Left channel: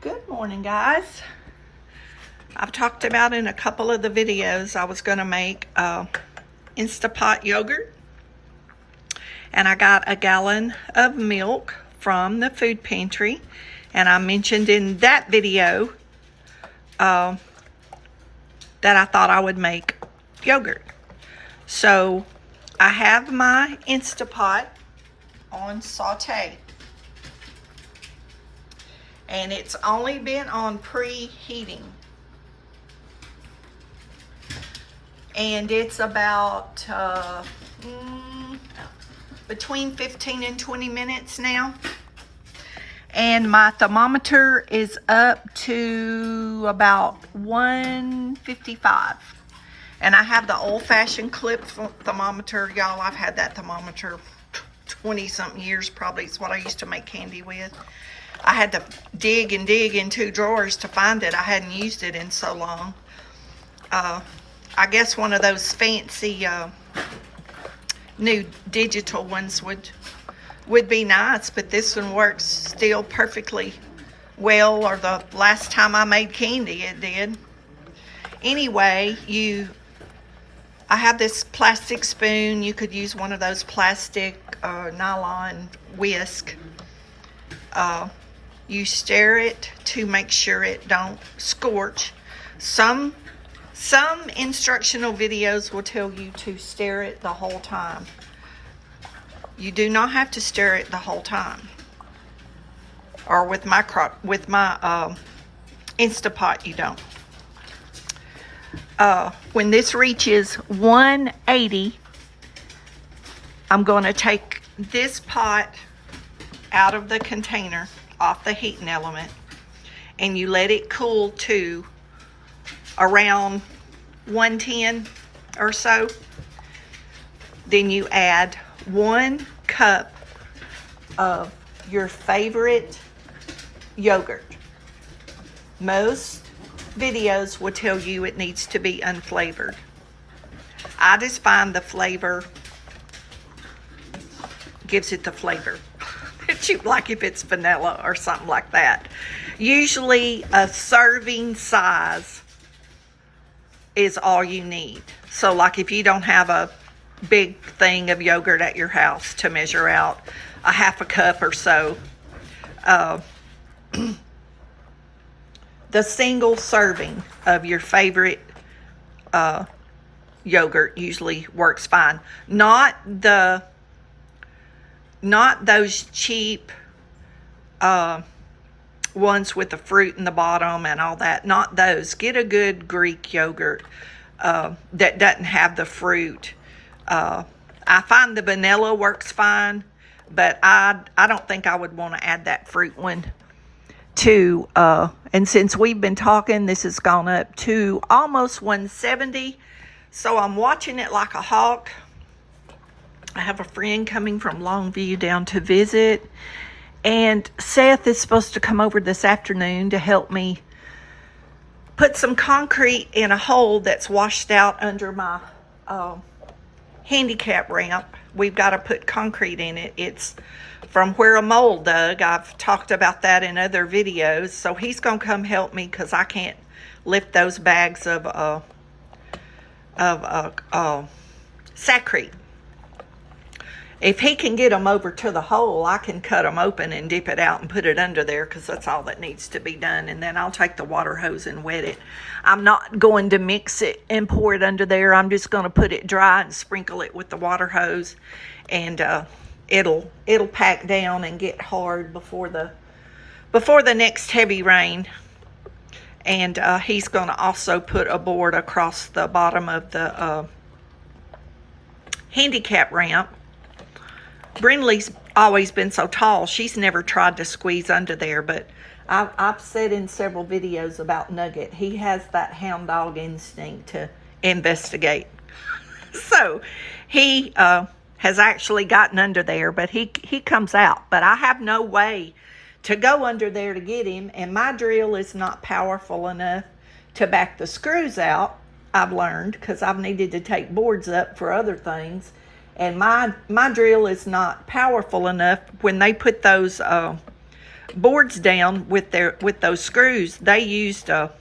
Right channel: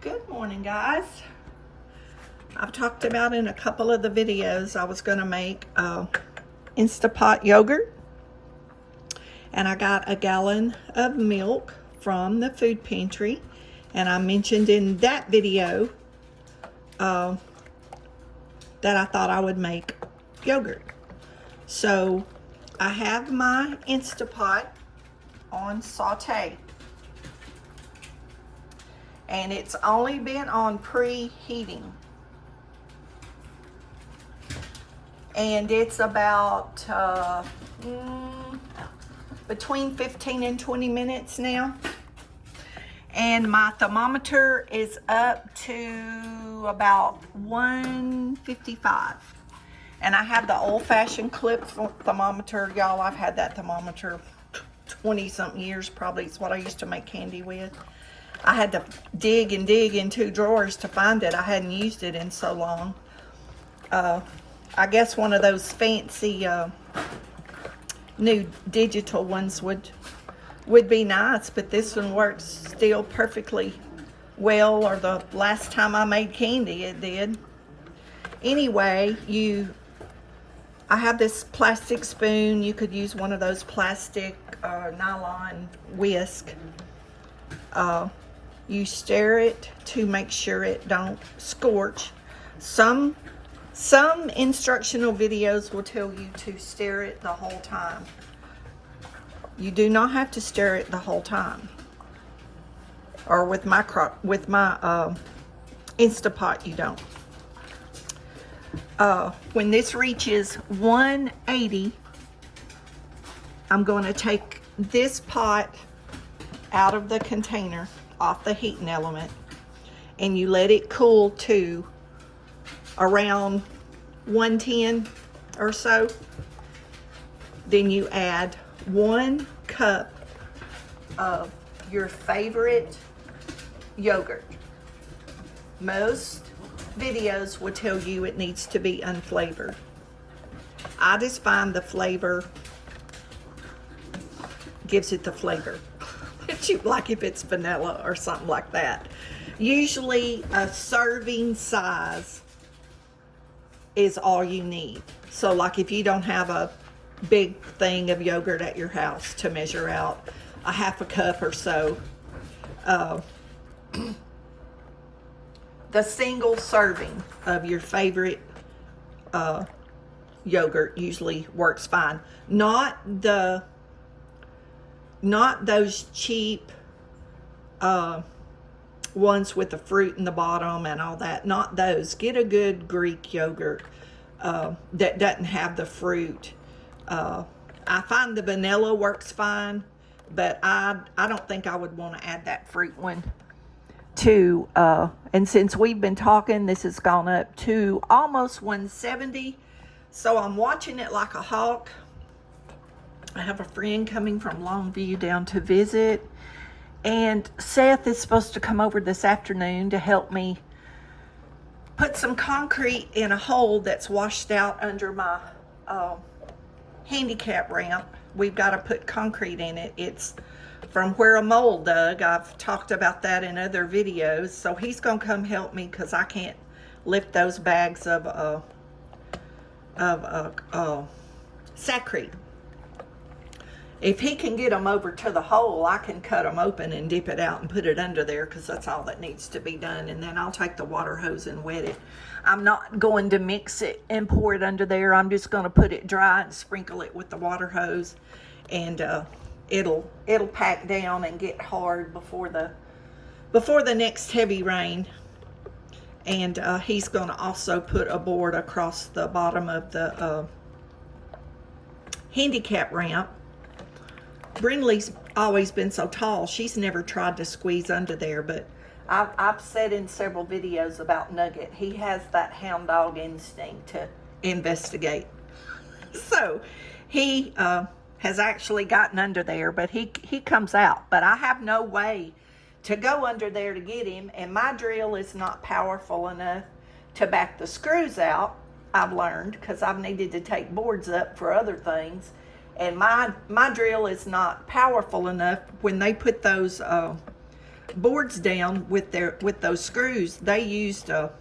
Good morning, guys. I've talked about in a couple of the videos I was going to make Instapot yogurt, and I got a gallon of milk from the food pantry, and I mentioned in that video that I thought I would make yogurt. So I have my Instapot on saute, and it's only been on preheating, and it's about between 15 and 20 minutes now, and my thermometer is up to about 155, and I have the old-fashioned clip thermometer. Y'all, I've had that thermometer 20 something years, probably. It's what I used to make candy with. I had to dig and dig in two drawers to find it. I hadn't used it in so long. I guess one of those fancy new digital ones would be nice, but this one works still perfectly well, or the last time I made candy it did. Anyway, I have this plastic spoon. You could use one of those plastic nylon whisk. You stir it to make sure it don't scorch. Some instructional videos will tell you to stir it the whole time. You do not have to stir it the whole time. Or with my Instapot, you don't. When this reaches 180, I'm going to take this pot out of the container, off the heating element, and you let it cool to around 110 or so. Then you add 1 cup of your favorite yogurt. Most videos will tell you it needs to be unflavored. I just find the flavor gives it the flavor. Like if it's vanilla or something like that. Usually a serving size is all you need. So like if you don't have a big thing of yogurt at your house to measure out a half a cup or so, the single serving of your favorite yogurt usually works fine. Not those cheap ones with the fruit in the bottom and all that. Not those. Get a good Greek yogurt that doesn't have the fruit. I find the vanilla works fine, but I don't think I would want to add that fruit one to. And since we've been talking, this has gone up to almost 170. So I'm watching it like a hawk. I have a friend coming from Longview down to visit, and Seth is supposed to come over this afternoon to help me put some concrete in a hole that's washed out under my handicap ramp. We've got to put concrete in it. It's from where a mole dug. I've talked about that in other videos. So he's going to come help me because I can't lift those bags of Sakrete. If he can get them over to the hole, I can cut them open and dip it out and put it under there, because that's all that needs to be done. And then I'll take the water hose and wet it. I'm not going to mix it and pour it under there. I'm just going to put it dry and sprinkle it with the water hose, and it'll pack down and get hard before the next heavy rain. And he's going to also put a board across the bottom of the handicap ramp. Brindley's always been so tall, she's never tried to squeeze under there, but I've said in several videos about Nugget, he has that hound dog instinct to investigate. So he has actually gotten under there, but he comes out. But I have no way to go under there to get him, and my drill is not powerful enough to back the screws out, I've learned, because I've needed to take boards up for other things. And my drill is not powerful enough when they put those boards down with those screws, they used a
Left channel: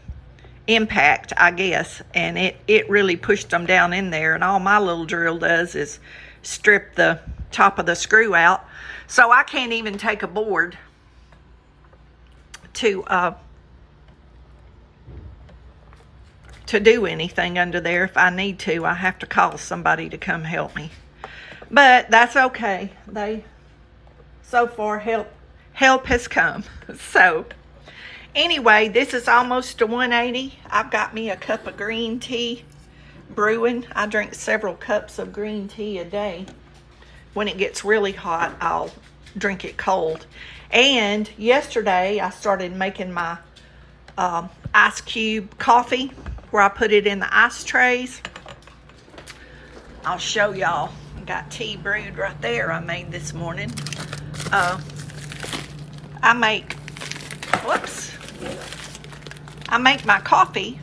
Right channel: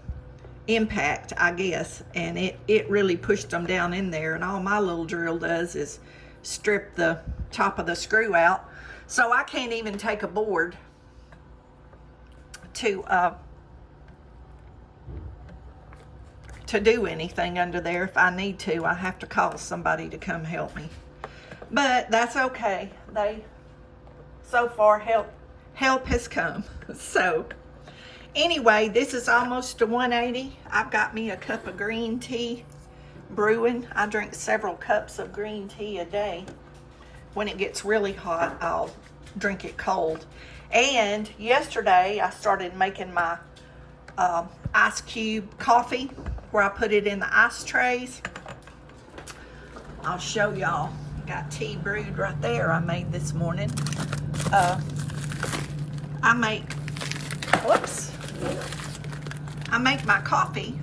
impact, I guess, and it really pushed them down in there. And all my little drill does is strip the top of the screw out. So I can't even take a board to do anything under there. If I need to, I have to call somebody to come help me. But that's okay. So far help has come. So anyway, this is almost to 180. I've got me a cup of green tea brewing. I drink several cups of green tea a day. When it gets really hot, I'll drink it cold. And yesterday I started making my ice cube coffee, where I put it in the ice trays. I'll show y'all. Got tea brewed right there I made this morning. I make my coffee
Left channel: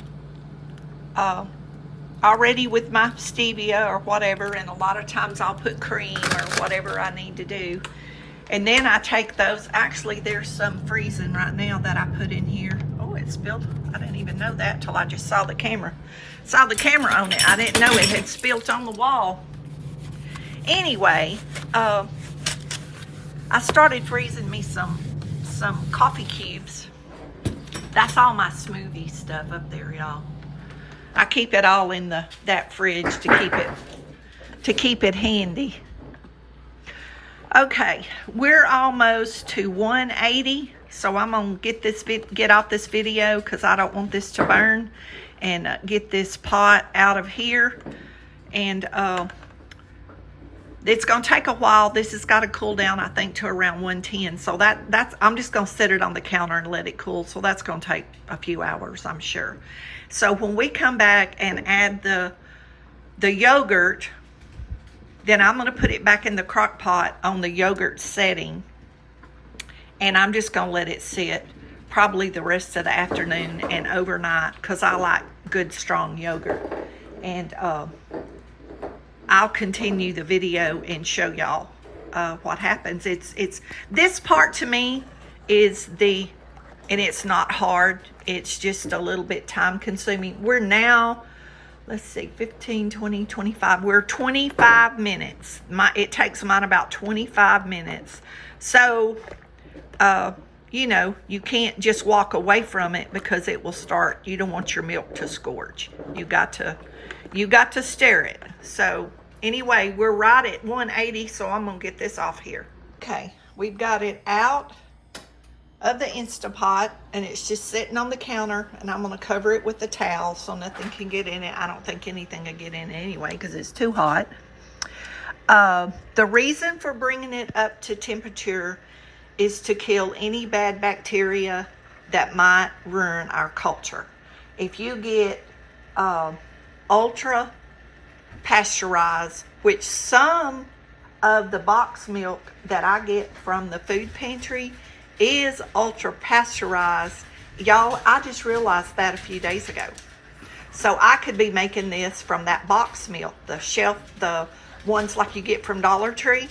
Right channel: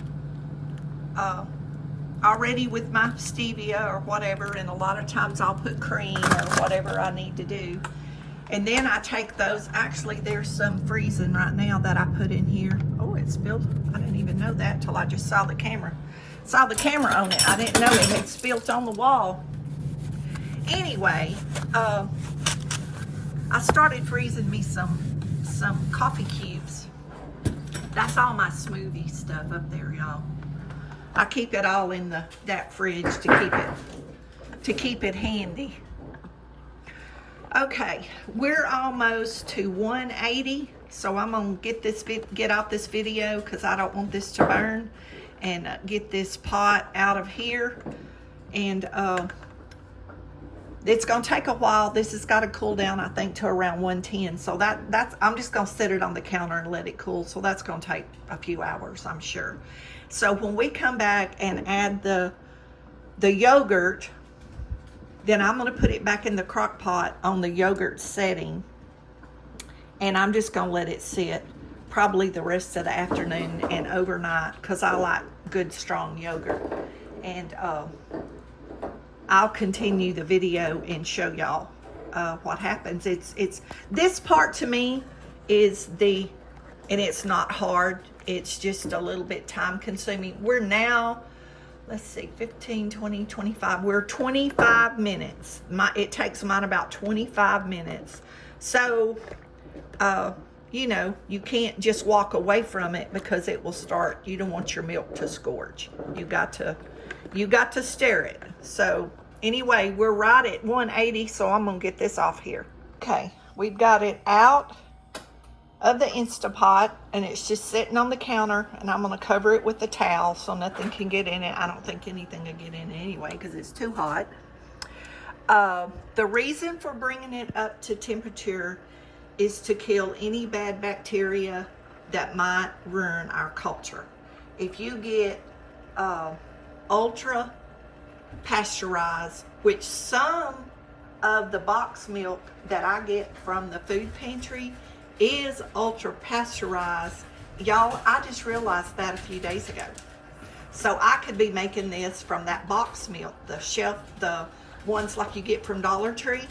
already with my stevia or whatever, and a lot of times I'll put cream or whatever I need to do. And then I take those, actually there's some freezing right now that I put in here. Oh, it spilled. I didn't even know that till I just saw the camera. Saw the camera on it. I didn't know it had spilled on the wall. Anyway, I started freezing me some coffee cubes. That's all my smoothie stuff up there, y'all. I keep it all in that fridge to keep it handy. Okay, we're almost to 180, so I'm gonna get off this video because I don't want this to burn, and get this pot out of here. And it's gonna take a while. This has got to cool down, I think, to around 110. So that's I'm just gonna set it on the counter and let it cool. So that's gonna take a few hours, I'm sure. So when we come back and add the yogurt, then I'm going to put it back in the crock pot on the yogurt setting, and I'm just going to let it sit probably the rest of the afternoon and overnight, because I like good strong yogurt. And I'll continue the video and show y'all what happens. It's this part to me is and it's not hard, it's just a little bit time consuming. We're now, let's see, 15, 20, 25. We're 25 minutes. It takes mine about 25 minutes. So, you know, you can't just walk away from it because it will start. You don't want your milk to scorch. You got to stir it. So anyway, we're right at 180. So I'm going to get this off here. Okay, we've got it out of the Instapot, and it's just sitting on the counter, and I'm going to cover it with a towel so nothing can get in it. I don't think anything will get in it anyway because it's too hot. The reason for bringing it up to temperature is to kill any bad bacteria that might ruin our culture. If you get ultra pasteurized, which some of the box milk that I get from the food pantry is ultra pasteurized. Y'all, I just realized that a few days ago. So I could be making this from that box milk, the ones like you get from Dollar Tree.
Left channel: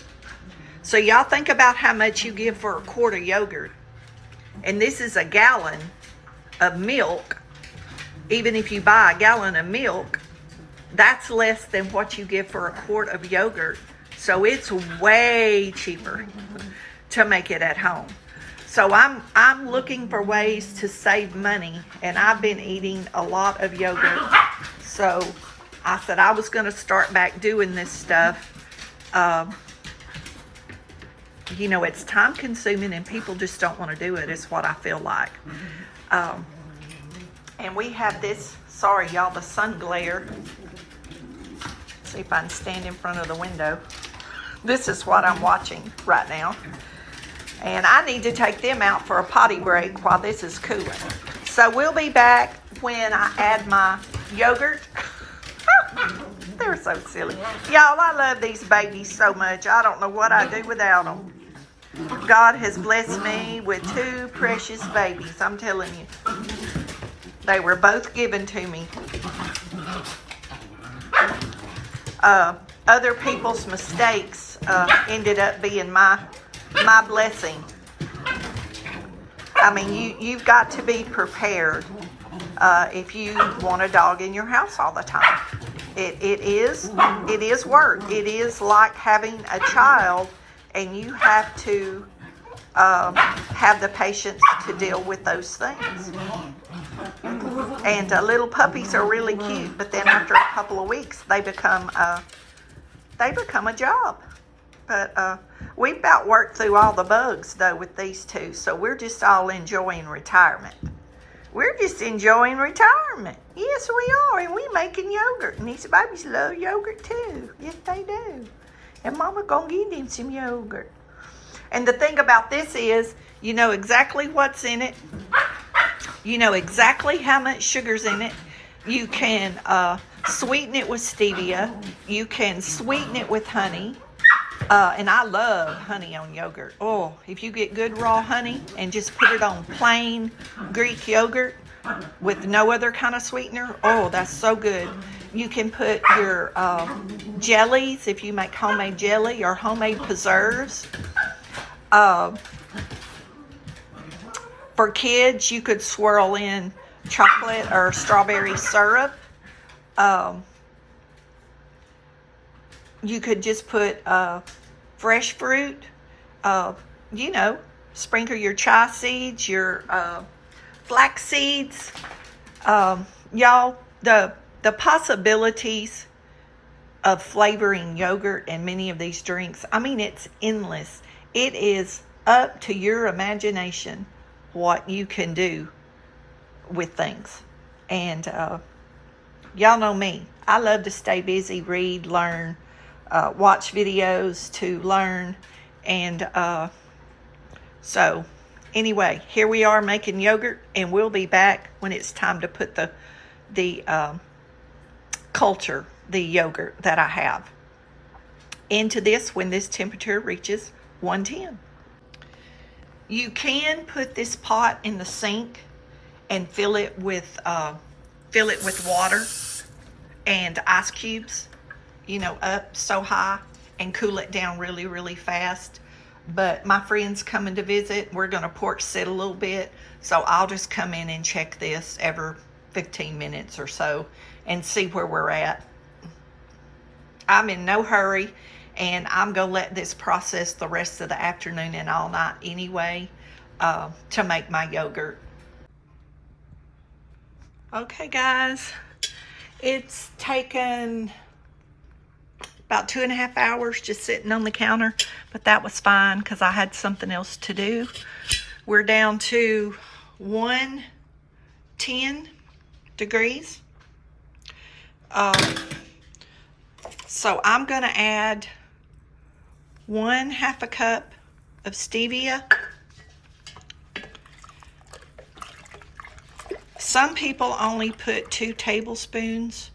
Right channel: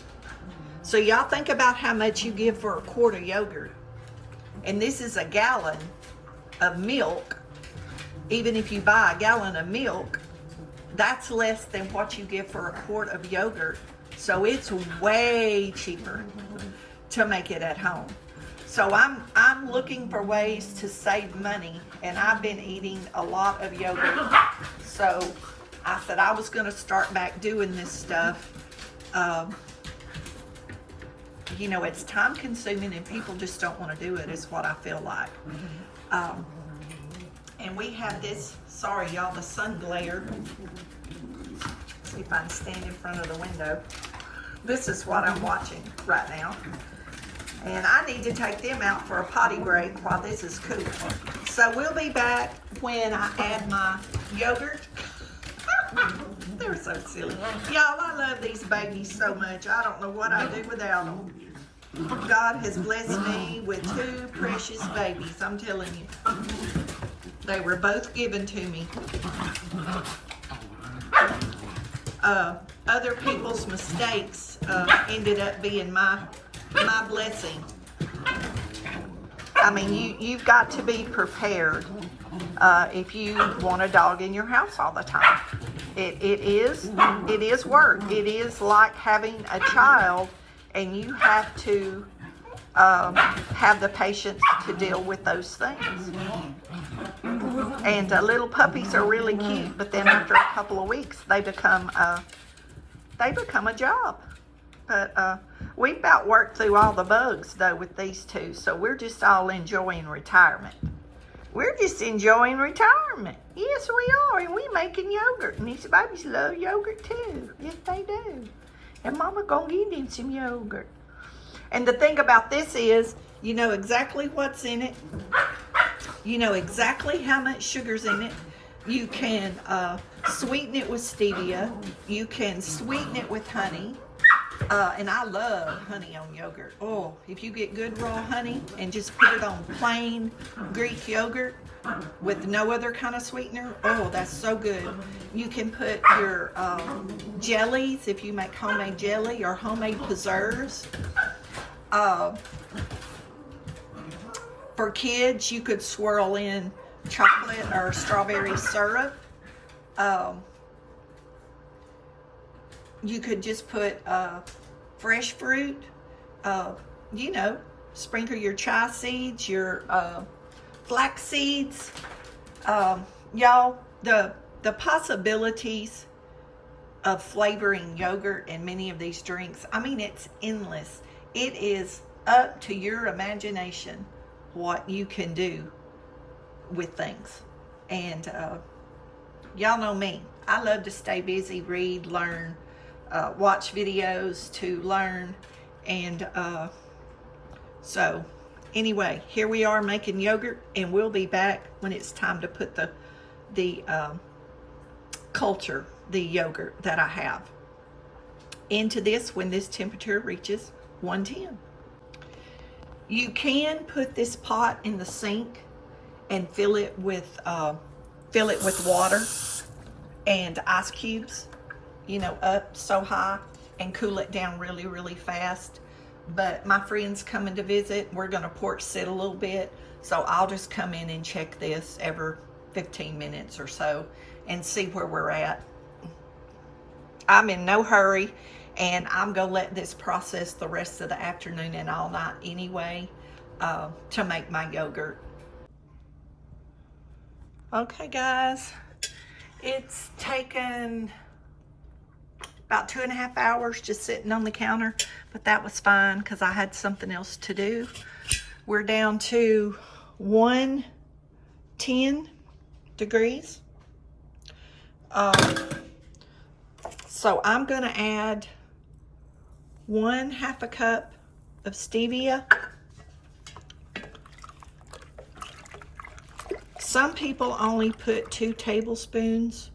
So y'all think about how much you give for a quart of yogurt. And this is a gallon of milk. Even if you buy a gallon of milk, that's less than what you give for a quart of yogurt. So it's way cheaper to make it at home. So I'm looking for ways to save money, and I've been eating a lot of yogurt. So I said I was going to start back doing this stuff. You know, it's time consuming and people just don't want to do it, is what I feel like. And we have this, sorry y'all, the sun glare. See if I can stand in front of the window. This is what I'm watching right now. And I need to take them out for a potty break while this is cooling. So we'll be back when I add my yogurt. They're so silly. Y'all, I love these babies so much. I don't know what I'd do without them. God has blessed me with two precious babies. I'm telling you. They were both given to me. Other people's mistakes ended up being my blessing. I mean, you've got to be prepared if you want a dog in your house all the time. It is work. It is like having a child, and you have to have the patience to deal with those things. And little puppies are really cute, but then after a couple of weeks, they become a job. But we about worked through all the bugs though with these two, so we're just all enjoying retirement. We're just enjoying retirement. Yes, we are, and we making yogurt, and these babies love yogurt too. Yes, they do. And Mama gonna give them some yogurt. And the thing about this is, you know exactly what's in it. You know exactly how much sugar's in it. You can sweeten it with stevia. You can sweeten it with honey. And I love honey on yogurt. Oh, if you get good raw honey and just put it on plain Greek yogurt with no other kind of sweetener, oh, that's so good. You can put your jellies, if you make homemade jelly or homemade preserves. For kids, you could swirl in chocolate or strawberry syrup. You could just put fresh fruit, you know, sprinkle your chia seeds, your flax seeds. Y'all, the possibilities of flavoring yogurt and many of these drinks, I mean, it's endless. It is up to your imagination what you can do with things. And y'all know me. I love to stay busy, read, learn, watch videos to learn. And so anyway, here we are making yogurt, and we'll be back when it's time to put the culture, the yogurt that I have, into this when this temperature reaches 110. You can put this pot in the sink and fill it with water and ice cubes, you know, up so high, and cool it down really, really fast. But my friend's coming to visit. We're going to porch sit a little bit, so I'll just come in and check this every 15 minutes or so and see where we're at. I'm in no hurry, and I'm going to let this process the rest of the afternoon and all night anyway to make my yogurt. Okay, guys, it's taken about 2.5 hours just sitting on the counter, but that was fine because I had something else to do. We're down to 110 degrees. So I'm going to add 1/2 cup of stevia. Some people only put 2 tablespoons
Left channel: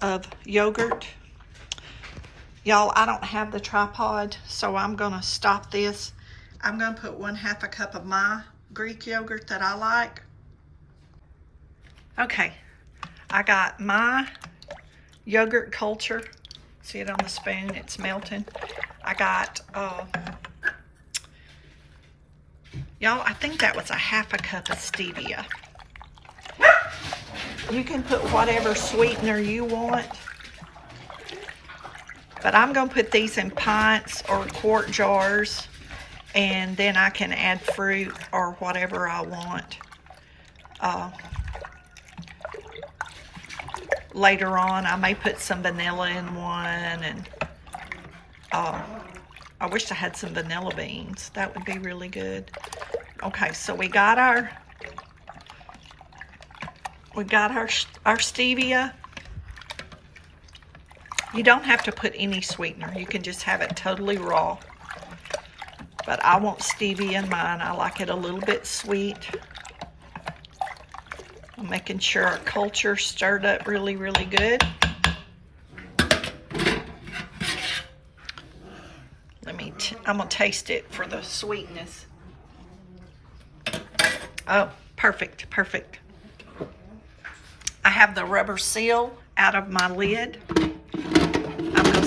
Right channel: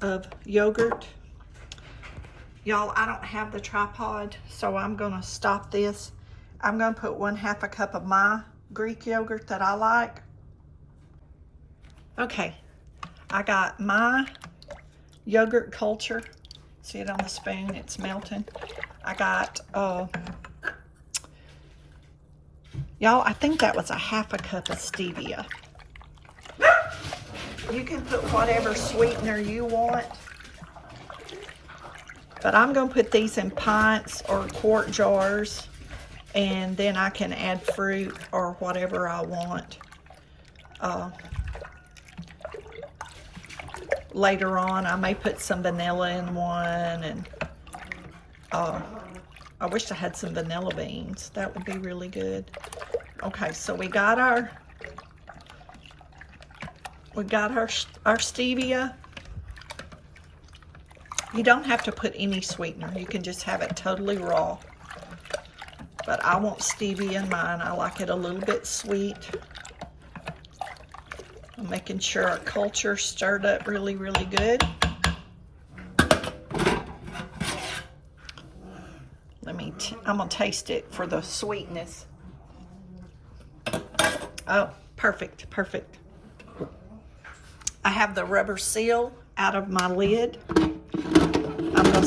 of yogurt. Y'all, I don't have the tripod, so I'm going to stop this. I'm going to put 1/2 cup of my Greek yogurt that I like. Okay, I got my yogurt culture. See it on the spoon? It's melting. I got, y'all, I think that was 1/2 cup of stevia. You can put whatever sweetener you want. But I'm going to put these in pints or quart jars, and then I can add fruit or whatever I want later on. I may put some vanilla in one, and I wish I had some vanilla beans. That would be really good. Okay, so we got our stevia. You don't have to put any sweetener. You can just have it totally raw. But I want stevia in mine. I like it a little bit sweet. I'm making sure our culture stirred up really, really good. I'm gonna taste it for the sweetness. Oh, perfect, perfect. I have the rubber seal out of my lid. I'm gonna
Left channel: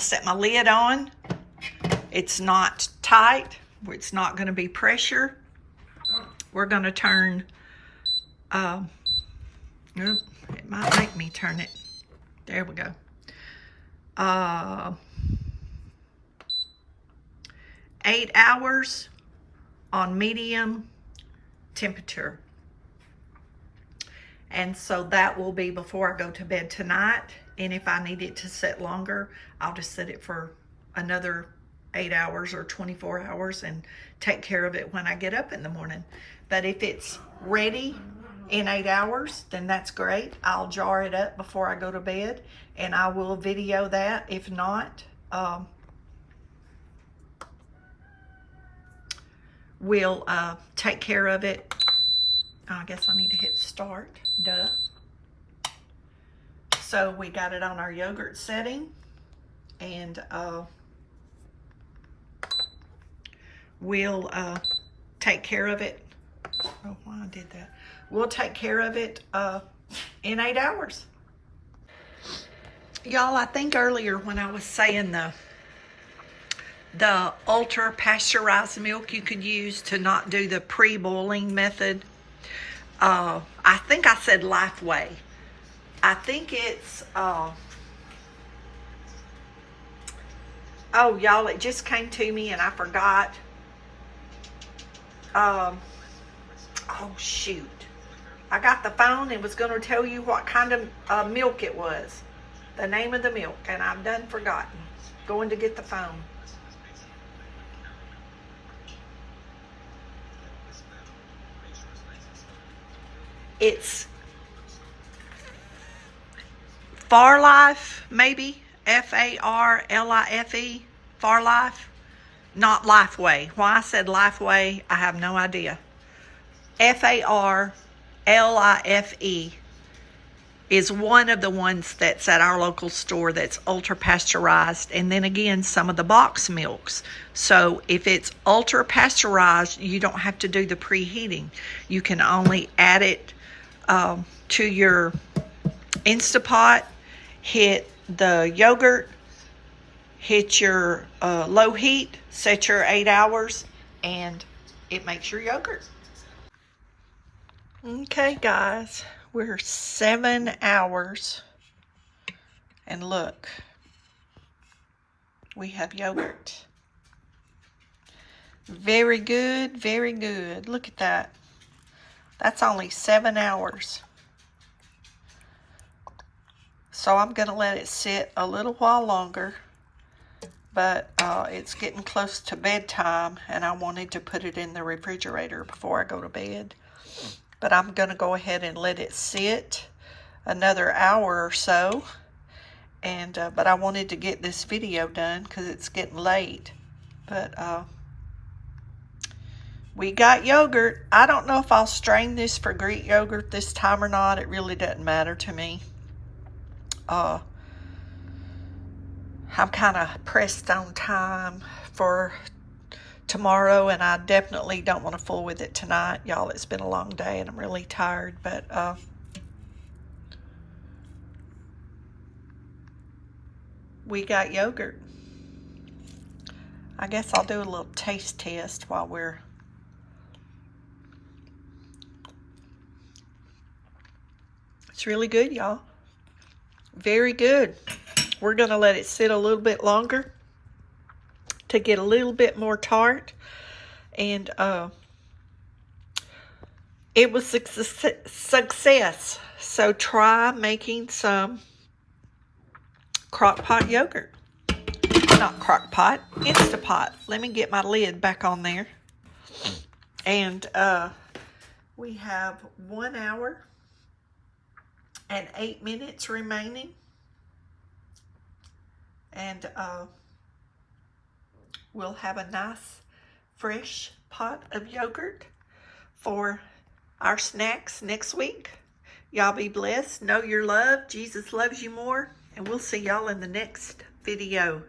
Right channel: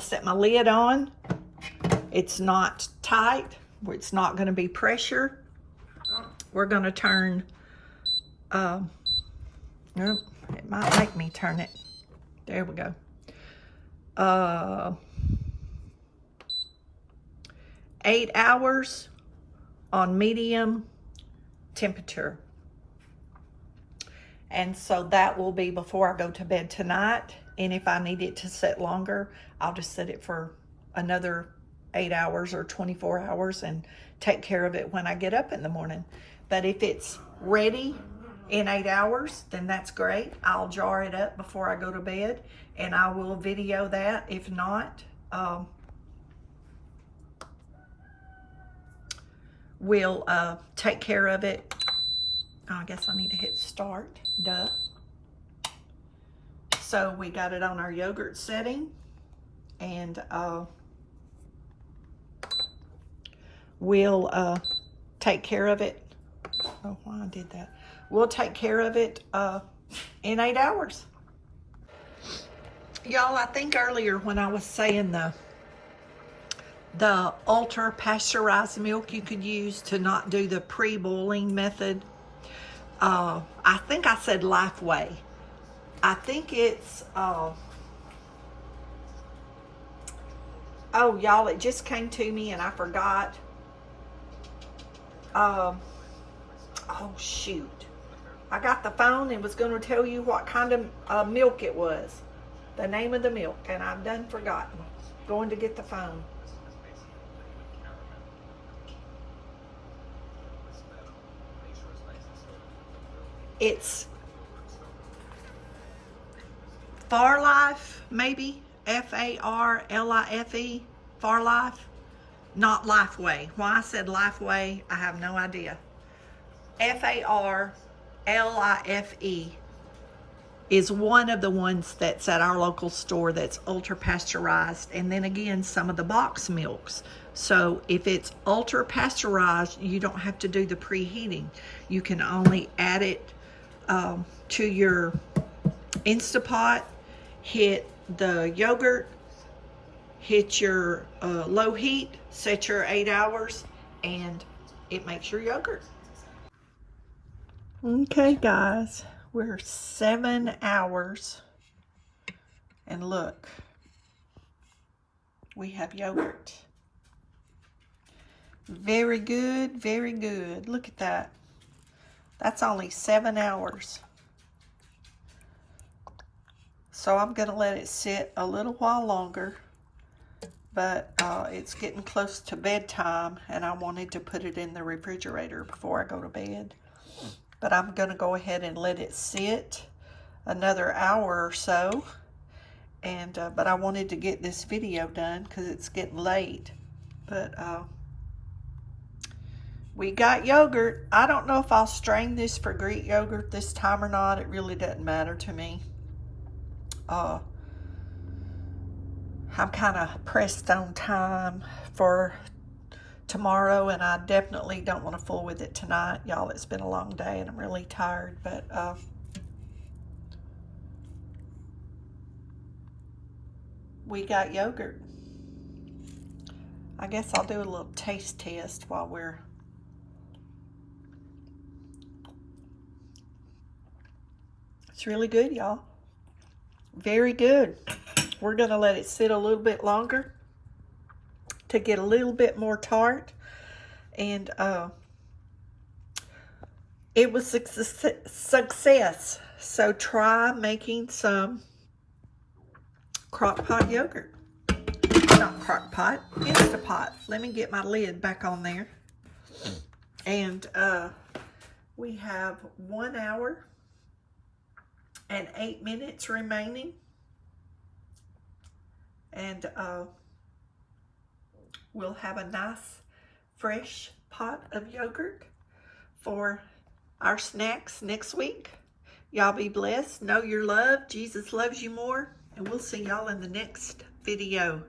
set my lid on. It's not tight. it's not going to be pressure. We're going to turn, nope, it might make me turn it. There we go. 8 hours on medium temperature. And so that will be before I go to bed tonight. And if I need it to set longer, I'll just set it for another 8 hours or 24 hours and take care of it when I get up in the morning. But if it's ready in 8 hours, then that's great. I'll jar it up before I go to bed and I will video that. If not, we'll take care of it. I guess I need to hit start, duh. So we got it on our yogurt setting, and we'll take care of it. Oh, why I did that. We'll take care of it in 8 hours. Y'all, I think earlier when I was saying the ultra pasteurized milk you could use to not do the pre-boiling method, I think I said Lifeway. I think it's, oh y'all, it just came to me and I forgot. Oh shoot. I got the phone and was going to tell you what kind of milk it was. The name of the milk, and I've done forgotten. Going to get the phone. It's Farlife, maybe. Farlife. Farlife. Not Lifeway. Why I said Lifeway, I have no idea. Farlife is one of the ones that's at our local store that's ultra pasteurized. And then again, some of the box milks. So if it's ultra pasteurized, you don't have to do the preheating. You can only add it to your Instapot, hit the yogurt, hit your low heat, set your 8 hours, and it makes your yogurt. Okay, guys, we're 7 hours, and look, we have yogurt. Very good, very good. Look at that. That's only 7 hours. So I'm going to let it sit a little while longer, but it's getting close to bedtime, and I wanted to put it in the refrigerator before I go to bed. But I'm going to go ahead and let it sit another hour or so. And but I wanted to get this video done because it's getting late. But we got yogurt. I don't know if I'll strain this for Greek yogurt this time or not. It really doesn't matter to me. I'm kind of pressed on time for tomorrow, and I definitely don't want to fool with it tonight. Y'all, it's been a long day and I'm really tired, but we got yogurt. I guess I'll do a little taste test while we're it's really good, y'all. Very good. We're going to let it sit a little bit longer to get a little bit more tart. And it was a success. So try making some crock pot yogurt. Not crock pot, Instapot. Let me get my lid back on there. And we have 1 hour and 8 minutes remaining. And we'll have a nice fresh pot of yogurt for our snacks next week. Y'all be blessed. Know you're loved. Jesus loves you more. And we'll see y'all in the next video.